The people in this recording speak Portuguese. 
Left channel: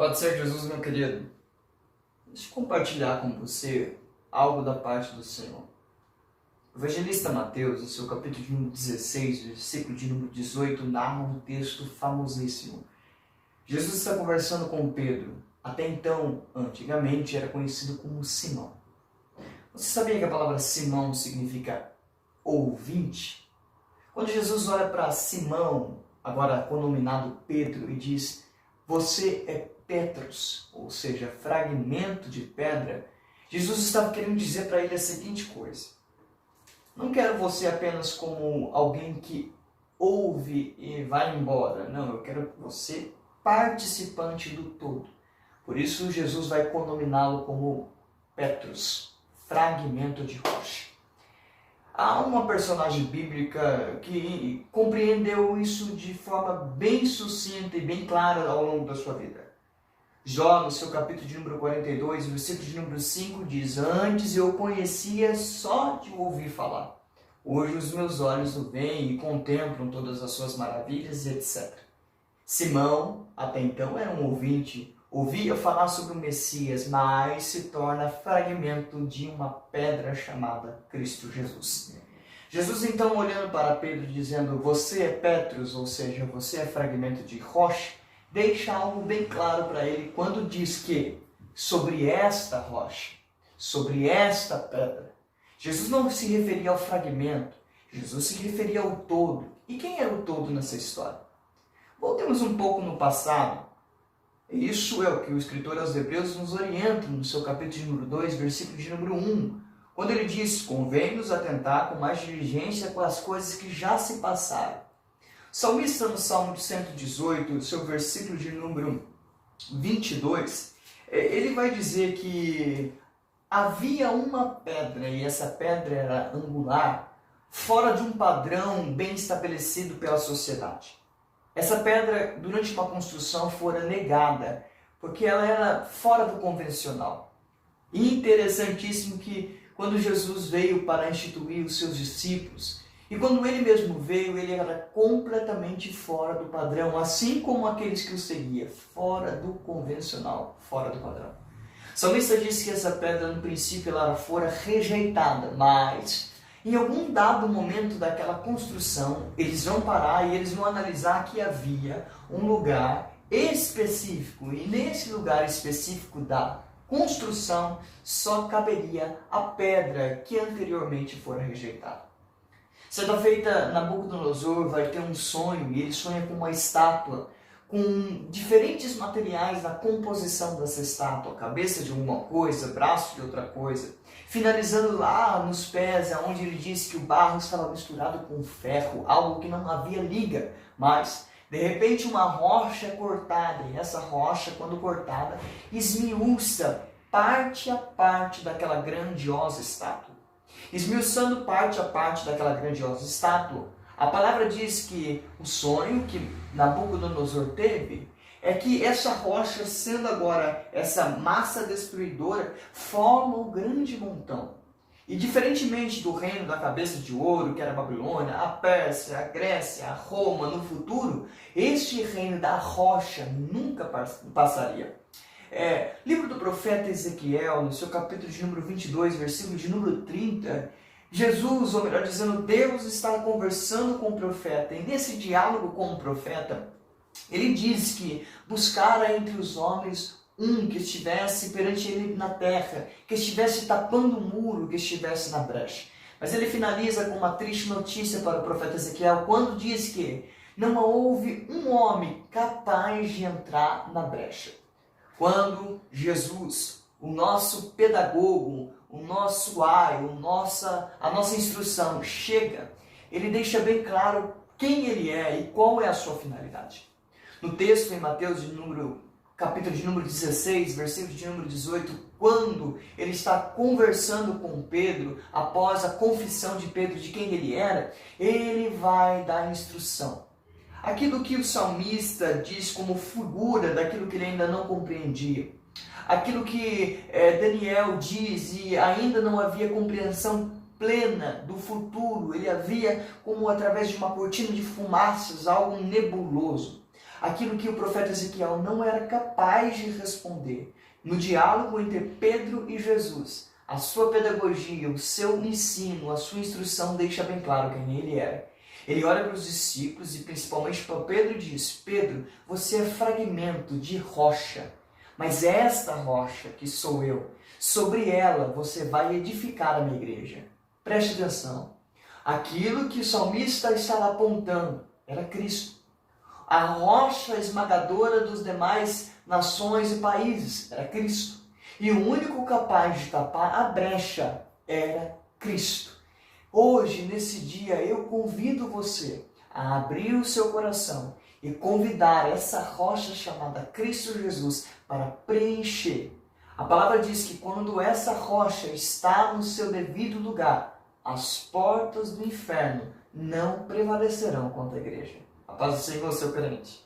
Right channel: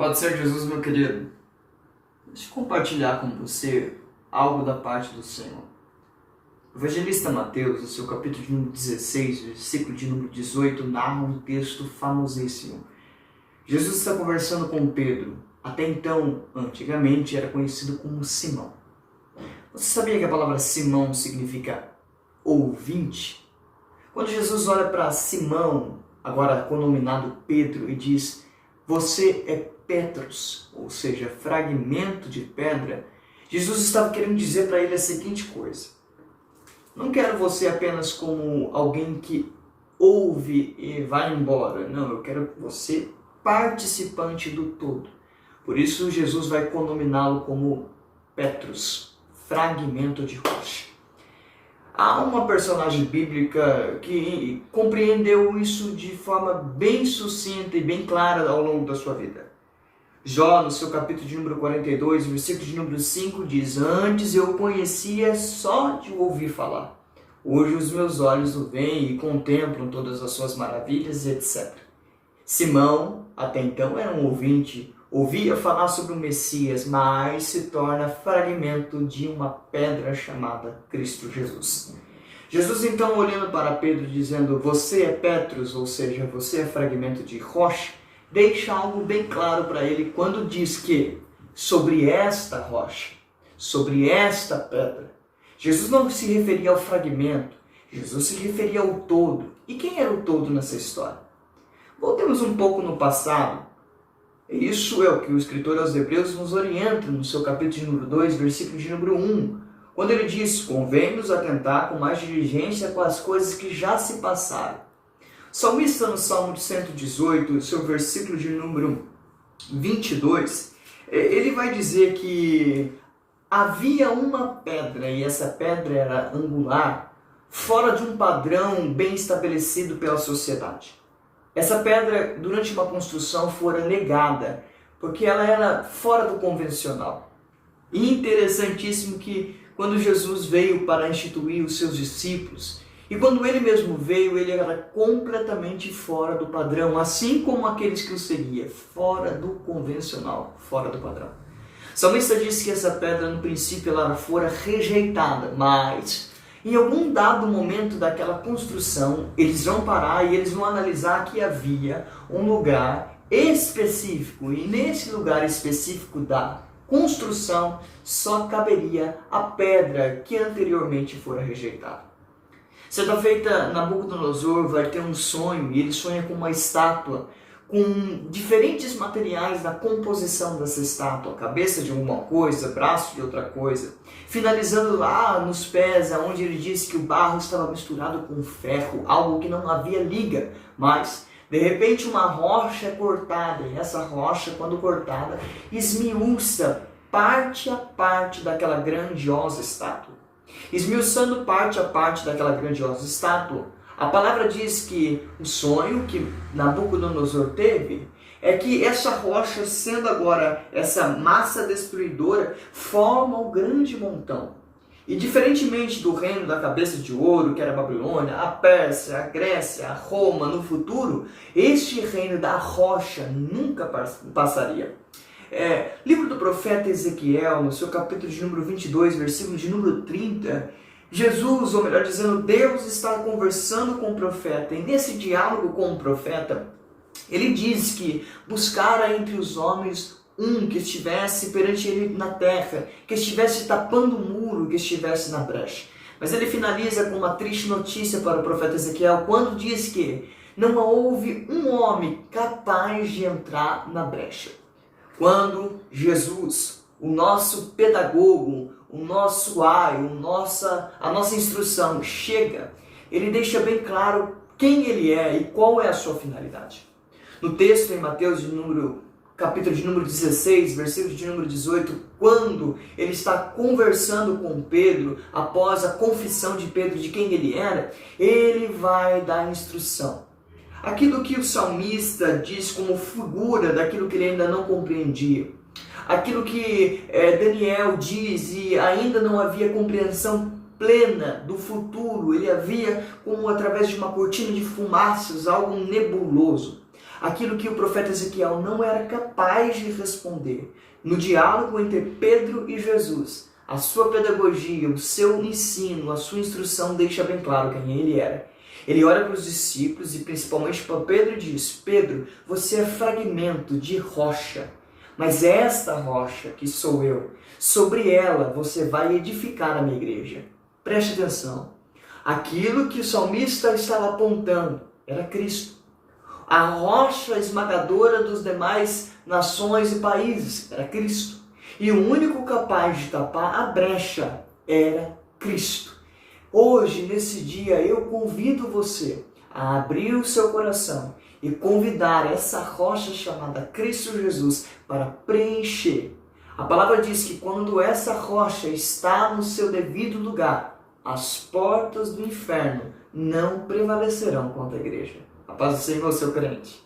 Pode ser, Jesus, meu querido. Deixa eu compartilhar com você algo da parte do Senhor. O evangelista Mateus, no seu capítulo de número 16, versículo de número 18, narra um texto famosíssimo. Jesus está conversando com Pedro. Até então, antigamente, era conhecido como Simão. Você sabia que a palavra Simão significa ouvinte? Quando Jesus olha para Simão, agora conominado Pedro, e diz: você é Petros, ou seja, fragmento de pedra, Jesus estava querendo dizer para ele a seguinte coisa: não quero você apenas como alguém que ouve e vai embora. Não, eu quero você participante do todo. Por isso Jesus vai conominá-lo como Petros, fragmento de rocha. Há uma personagem bíblica que compreendeu isso de forma bem sucinta e bem clara ao longo da sua vida. Jó, no seu capítulo de número 42, versículo de número 5, diz: antes eu conhecia só de ouvir falar. Hoje os meus olhos o veem e contemplam todas as suas maravilhas, etc. Simão, até então, era um ouvinte, ouvia falar sobre o Messias, mas se torna fragmento de uma pedra chamada Cristo Jesus. Jesus, então, olhando para Pedro, dizendo: você é Petros, ou seja, você é fragmento de rocha, deixa algo bem claro para ele quando diz que sobre esta rocha, sobre esta pedra, Jesus não se referia ao fragmento, Jesus se referia ao todo. E quem era o todo nessa história? Voltemos um pouco no passado. Isso é o que o escritor aos Hebreus nos orienta no seu capítulo de número 2, versículo de número 1, quando ele diz: convém-nos atentar com mais diligência com as coisas que já se passaram. O salmista, no Salmo 118, seu versículo de número 22, ele vai dizer que havia uma pedra, e essa pedra era angular, fora de um padrão bem estabelecido pela sociedade. Essa pedra, durante uma construção, fora negada, porque ela era fora do convencional. E interessantíssimo que quando Jesus veio para instituir os seus discípulos, e quando ele mesmo veio, ele era completamente fora do padrão, assim como aqueles que o seguiam, fora do convencional, fora do padrão. O salmista disse que essa pedra, no princípio, ela fora rejeitada, mas em algum dado momento daquela construção, eles vão parar e eles vão analisar que havia um lugar específico, e nesse lugar específico da construção só caberia a pedra que anteriormente fora rejeitada. Certa feita, Nabucodonosor vai ter um sonho, e ele sonha com uma estátua com diferentes materiais na composição dessa estátua, cabeça de uma coisa, braço de outra coisa, finalizando lá nos pés, onde ele disse que o barro estava misturado com ferro, algo que não havia liga, mas de repente uma rocha é cortada, e essa rocha, quando cortada, esmiuça parte a parte daquela grandiosa estátua. Esmiuçando parte a parte daquela grandiosa estátua, a palavra diz que o sonho que Nabucodonosor teve é que essa rocha, sendo agora essa massa destruidora, forma o grande montão. E diferentemente do reino da cabeça de ouro, que era a Babilônia, a Pérsia, a Grécia, a Roma, no futuro, este reino da rocha nunca passaria. Livro do profeta Ezequiel, no seu capítulo de número 22, versículo de número 30, Jesus, ou melhor dizendo, Deus está conversando com o profeta, e nesse diálogo com o profeta, ele diz que buscara entre os homens um que estivesse perante ele na terra, que estivesse tapando o muro, que estivesse na brecha. Mas ele finaliza com uma triste notícia para o profeta Ezequiel, quando diz que não houve um homem capaz de entrar na brecha. Quando Jesus, o nosso pedagogo, o nosso a nossa instrução chega, ele deixa bem claro quem ele é e qual é a sua finalidade. No texto em Mateus, capítulo de número 16, versículo de número 18, quando ele está conversando com Pedro, após a confissão de Pedro de quem ele era, ele vai dar instrução. Aquilo que o salmista diz como figura daquilo que ele ainda não compreendia. Aquilo que Daniel diz e ainda não havia compreensão plena do futuro, ele havia como através de uma cortina de fumaças, algo nebuloso. aquilo que o profeta Ezequiel não era capaz de responder. No diálogo entre Pedro e Jesus, a sua pedagogia, o seu ensino, a sua instrução deixa bem claro quem ele era. Ele olha para os discípulos e principalmente para Pedro e diz: Pedro, você é fragmento de rocha, mas esta rocha que sou eu, sobre ela você vai edificar a minha igreja. Preste atenção. Aquilo que o salmista estava apontando era Cristo. A rocha esmagadora dos demais nações e países era Cristo. E o único capaz de tapar a brecha era Cristo. Hoje, nesse dia, eu convido você a abrir o seu coração e convidar essa rocha chamada Cristo Jesus para preencher. A palavra diz que quando essa rocha está no seu devido lugar, as portas do inferno não prevalecerão contra a igreja. A paz do Senhor, seu crente.